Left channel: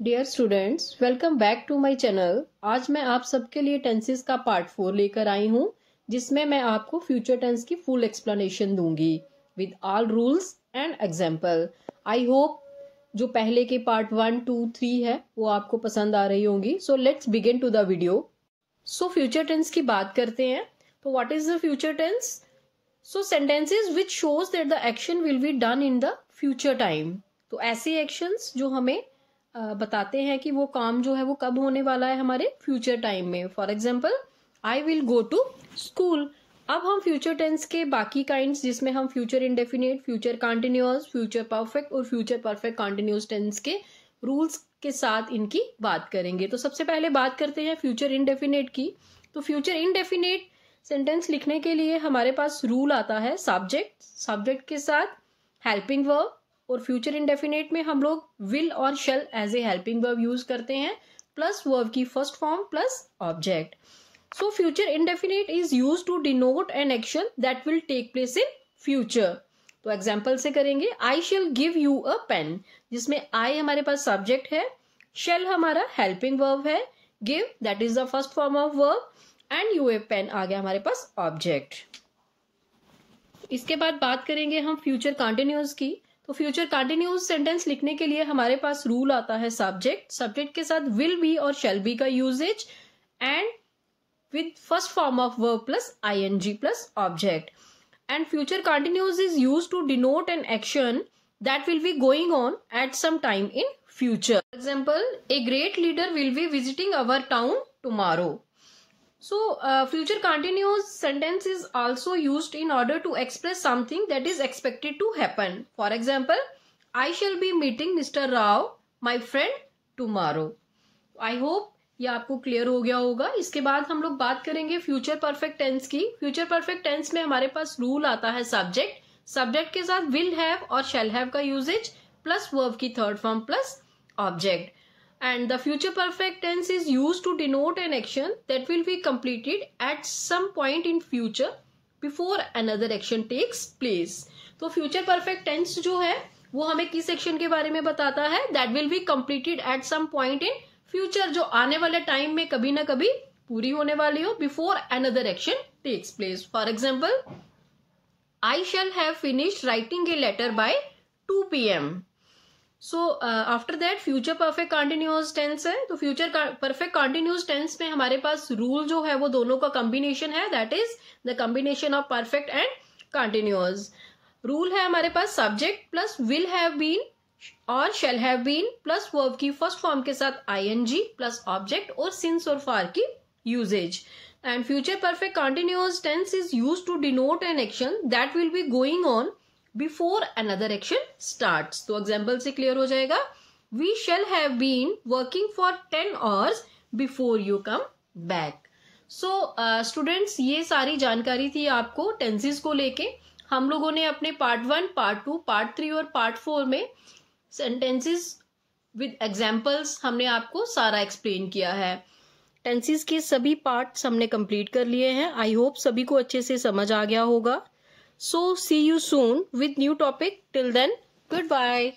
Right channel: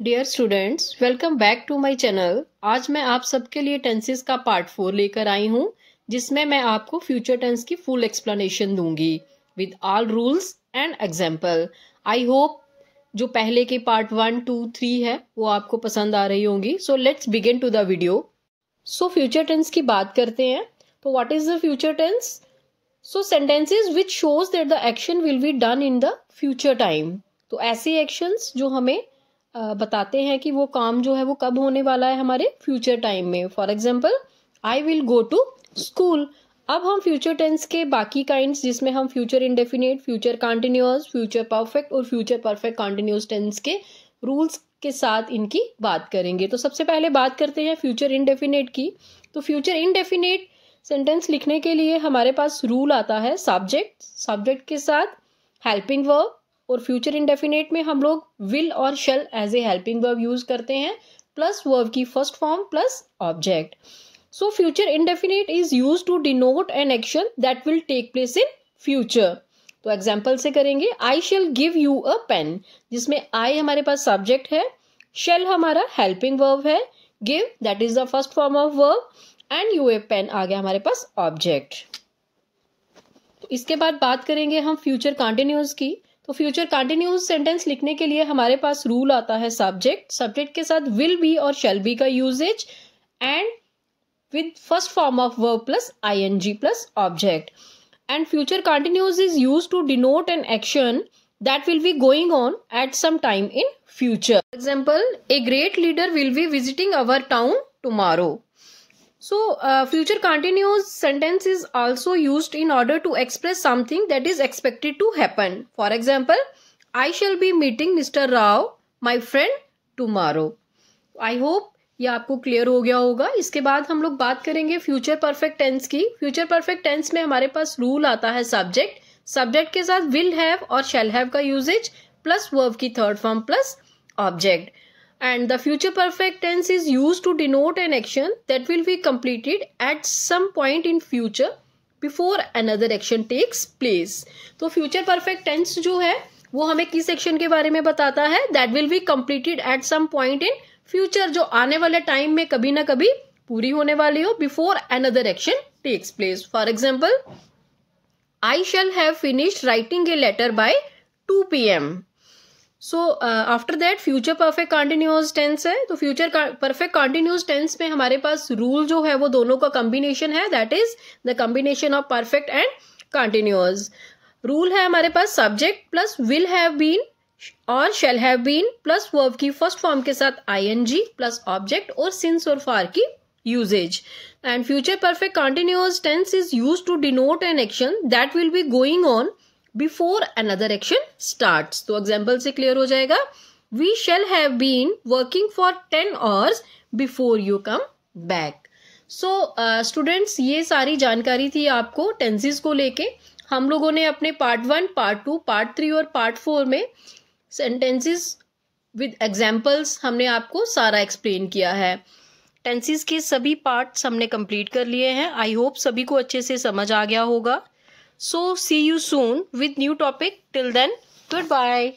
Dear students, welcome back to my channel. आज मैं आप सबके लिए टेंसेस का पार्ट 4 लेकर आई हूँ, जिसमें मैं आपको फ्यूचर टेंस की फुल एक्सप्लेनेशन दूंगी with all rules and example. I hope जो पहले के पार्ट 1, 2, 3 है वो आपको पसंद आ रही होंगी। So let's begin to the video. So future tense की बात करते हैं। तो what is the future tense? So sentences which shows that the action will be done in the future time. तो ऐसे एक्शंस जो हमें बताते हैं कि वो काम जो है वो कब होने वाला है हमारे फ्यूचर टाइम में। For example, I will go to school. अब हम फ्यूचर टेंस के बाकी काइंड्स, जिसमें हम future indefinite, future continuous, future perfect और फ्यूचर परफेक्ट कंटिन्यूअस टेंस के रूल्स के साथ इनकी बात करेंगे। तो सबसे पहले बात करते हैं फ्यूचर इंडेफिनिट की। तो फ्यूचर इंडेफिनिट सेंटेंस लिखने के लिए हमारे पास रूल आता है सब्जेक्ट, सब्जेक्ट के साथ हेल्पिंग वर्ब, और फ्यूचर इंडेफिनिट में हम लोग विल और shall as a helping verb use करते हैं, प्लस वर्ब की first form plus object. So future indefinite is use to denote an action that will take place in future. तो example से करेंगे, I shall give you a pen, जिसमें I हमारे पास subject है, शेल हमारा helping verb है, give that is the first form of verb, and you a pen आ गया हमारे पास ऑब्जेक्ट। तो इसके बाद बात करेंगे हम फ्यूचर कंटिन्यूअस की। तो फ्यूचर कंटिन्यूअस सेंटेंस लिखने के लिए हमारे पास रूल आता है सब्जेक्ट, सब्जेक्ट के साथ विल बी और शेल बी का usages, and with first form of verb plus ING plus object. And future continuous is used to denote an action that will be going on at some time in future. Example, a great leader will be visiting our town tomorrow. So, future continuous sentence is also used in order to express something that is expected to happen. For example, I shall be meeting Mr. Rao, my friend, tomorrow. I hope ये आपको clear हो गया होगा। इसके बाद हम लोग बात करेंगे फ्यूचर परफेक्ट टेंस की। फ्यूचर परफेक्ट टेंस में हमारे पास रूल आता है सब्जेक्ट, सब्जेक्ट के साथ विल हैव और शैल हैव का यूजेज, प्लस वर्ब की third form plus object. And the future perfect tense is used to denote an action that will be completed at some point in future before another action takes place. तो future perfect tense जो है वो हमें किस action के बारे में बताता है? That will be completed at some point in future, जो आने वाले टाइम में कभी ना कभी पूरी होने वाली हो, before another action takes place. For example, I shall have finished writing a letter by 2 p.m. So after that future perfect continuous tense है। तो फ्यूचर परफेक्ट कंटिन्यूअस टेंस में हमारे पास रूल जो है वो दोनों का कॉम्बिनेशन है, that is the combination of perfect and continuous. Rule है हमारे पास subject plus will have been और shall have been plus verb की फर्स्ट फॉर्म के साथ आईएनजी प्लस ऑब्जेक्ट और सिंस और फार की uses. And future perfect continuous tense is used to denote an action that will be going on before another action starts. तो example से clear हो जाएगा, we shall have been working for 10 hours before you come back. So students, ये सारी जानकारी थी आपको tenses को लेके। हम लोगों ने अपने पार्ट 1, पार्ट 2, पार्ट 3 और पार्ट 4 में सेंटेंसेस विद एग्जाम्पल्स हमने आपको सारा एक्सप्लेन किया है। टेंसेस के सभी पार्ट्स हमने कंप्लीट कर लिए हैं। आई होप सभी को अच्छे से समझ आ गया होगा। So see you soon with new topic. Till then, goodbye.